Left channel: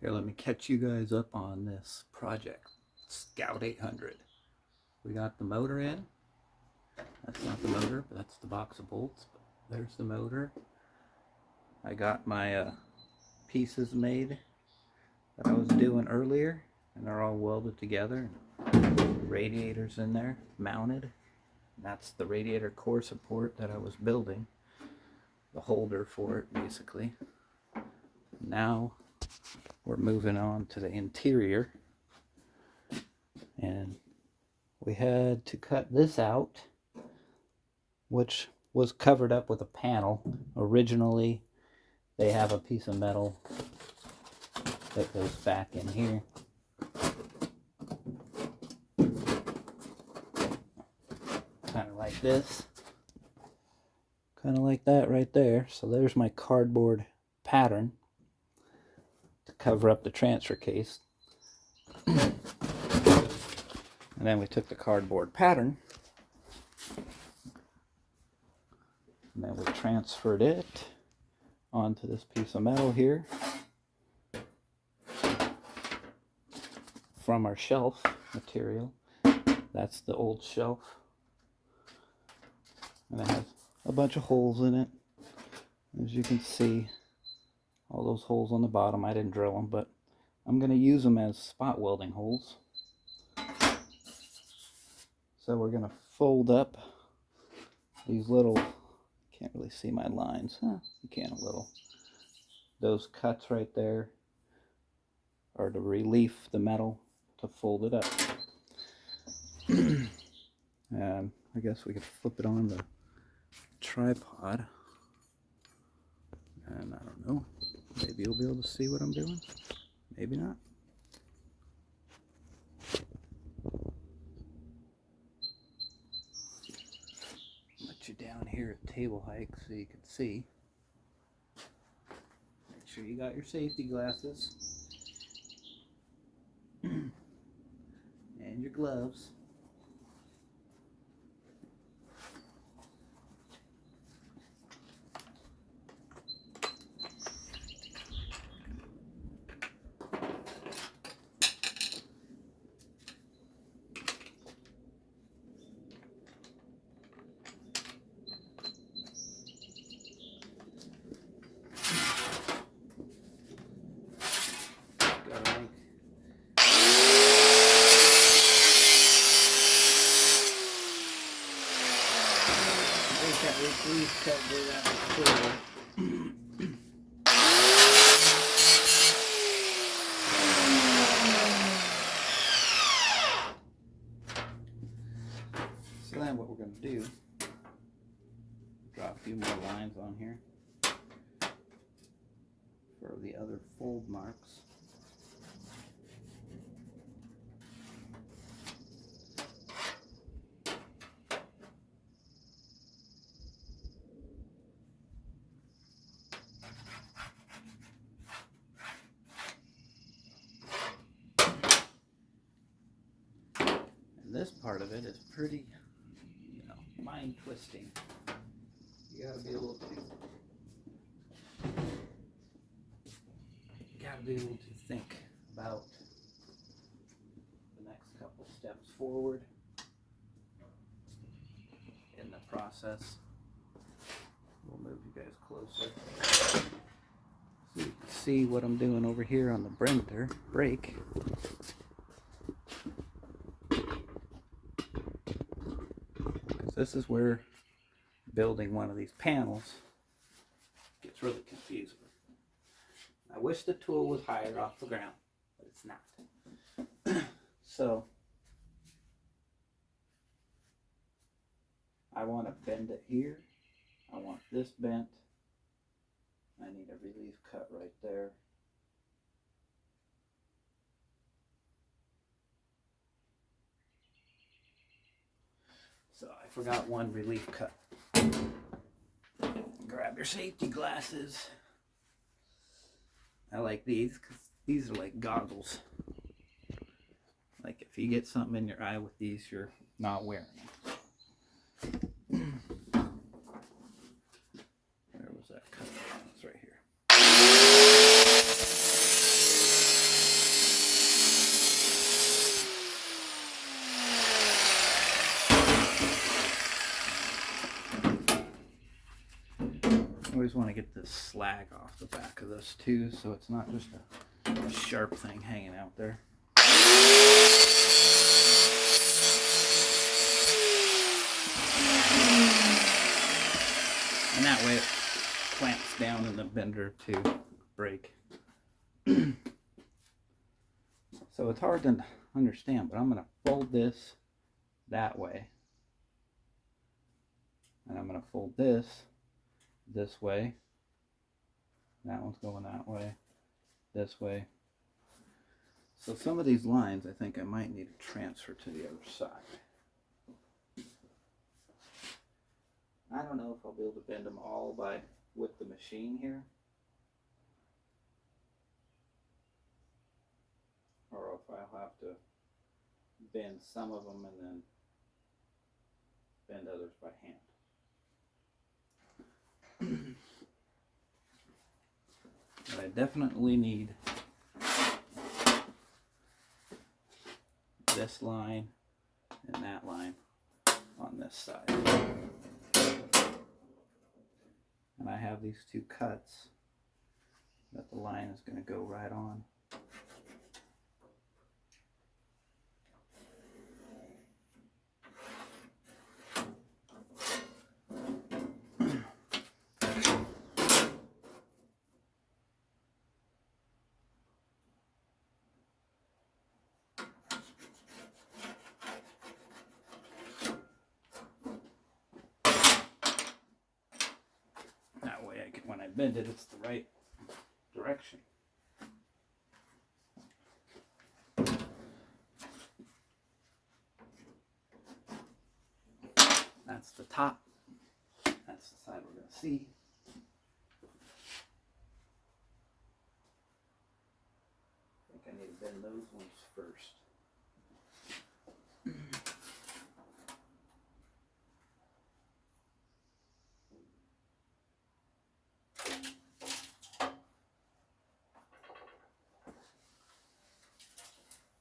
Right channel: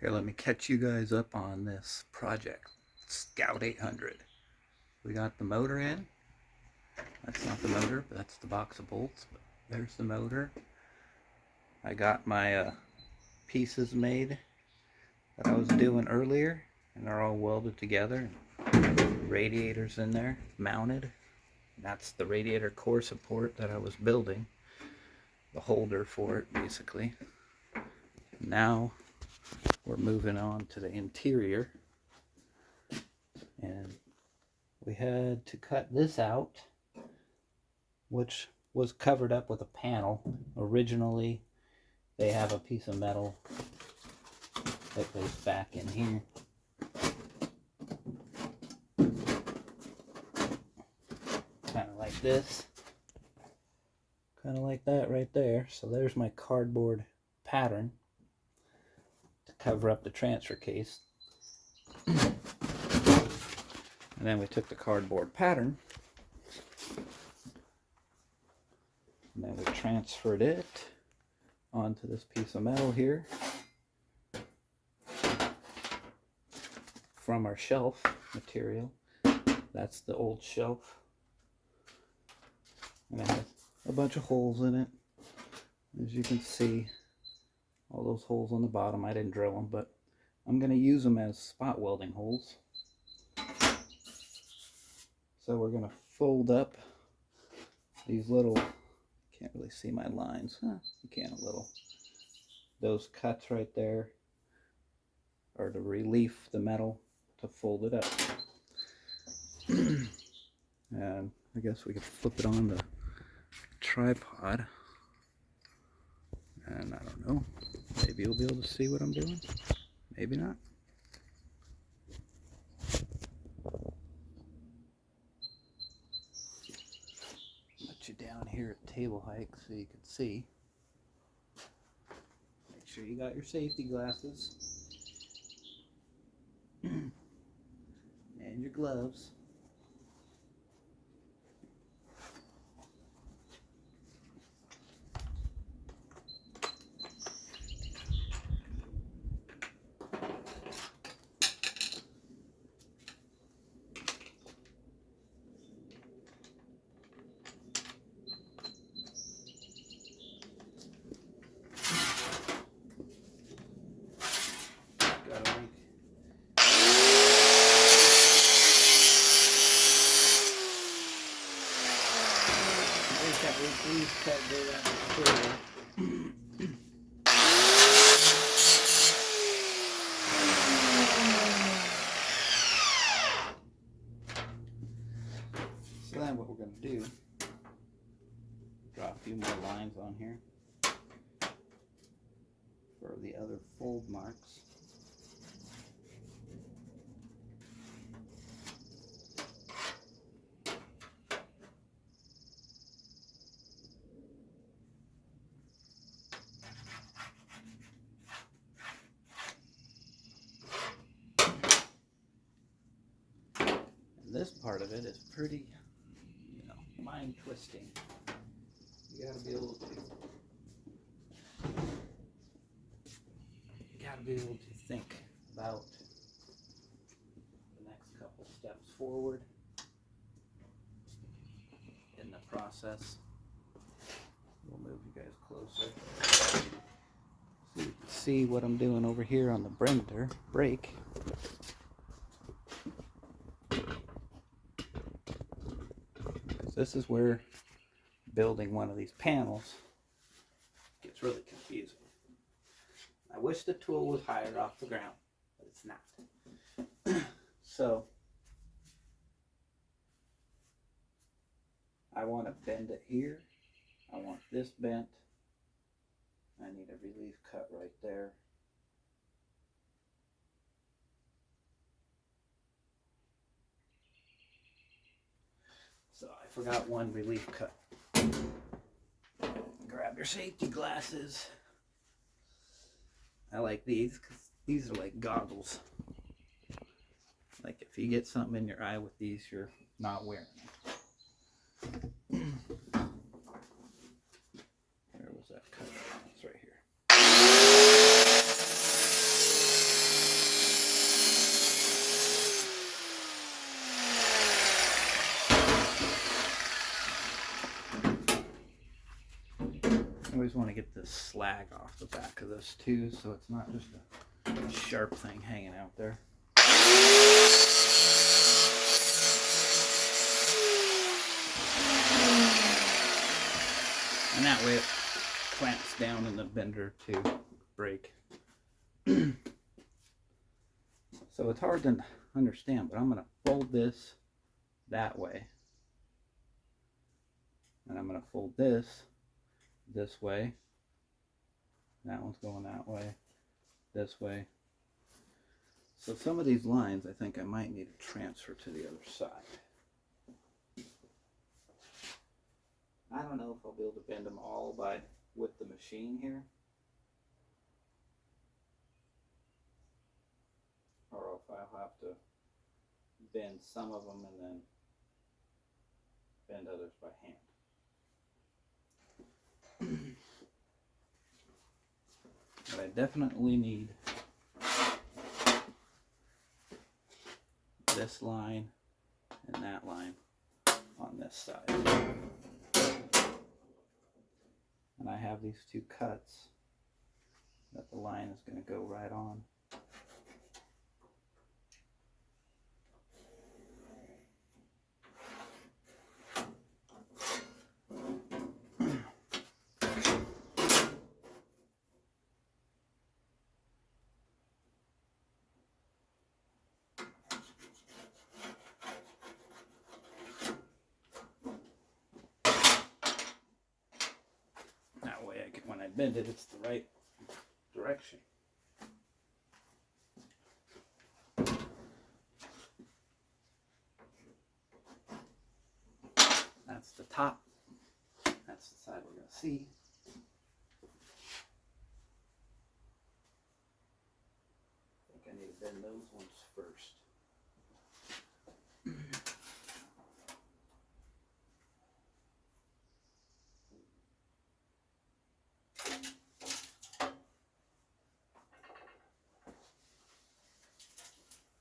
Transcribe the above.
Here, let me catch you guys up on this project. Scout 800. We got the motor in. That's not the motor, but that's the box of bolts. But there's the motor. I got my pieces made that I was doing earlier, and they're all welded together. Radiators in there, mounted. That's the radiator core support that I was building. The holder for it, basically. Now we're moving on to the interior, and we had to cut this out, which was covered up with a panel. Originally they have a piece of metal that goes back in here, kind of like this, kind of like that right there. So there's my cardboard pattern to cover up the transfer case. And then we took the cardboard pattern and then we transferred it onto this piece of metal here from our shelf material. That's the old shelf, and it has a bunch of holes in it. As you can see, all those holes on the bottom, I didn't drill them, but I'm going to use them as spot welding holes. So we're going to fold up these little, can't really see my lines, you can a little. Those cuts right there are to relief the metal to fold it up. And I guess we could flip it on the tripod, and I don't know, maybe you'll be able to see what I'm doing, maybe not. Let you down here at table height so you can see. Make sure you got your safety glasses and your gloves. That relief cut did that before. So then what we're going to do, draw a few more lines on here for the other fold marks. This part of it is pretty, mind twisting. You gotta be able to think about the next couple steps forward in the process. We'll move you guys closer so you can see what I'm doing over here on the brake. This is where building one of these panels gets really confusing. I wish the tool was higher off the ground, but it's not. So I want to bend it here. I want this bent. I need a relief cut right there. So I forgot one relief cut. Grab your safety glasses. I like these because these are like goggles. Like if you get something in your eye with these, you're not wearing them. Where was that cut? It's right here. always want to get this slag off the back of this too, so it's not just a sharp thing hanging out there. And that way it clamps down in the bender to break. So it's hard to understand, but I'm going to fold this that way. And I'm going to fold this way. That one's going that way, this way. So some of these lines I think I might need to transfer to the other side. I don't know if I'll be able to bend them all with the machine here, or if I'll have to bend some of them and then bend others by hand. But I definitely need this line and that line on this side. And I have these two cuts that the line is going to go right on. That way when I bend it, it's the right direction. That's the top. That's the side we're going to see. I think I need to bend those ones first.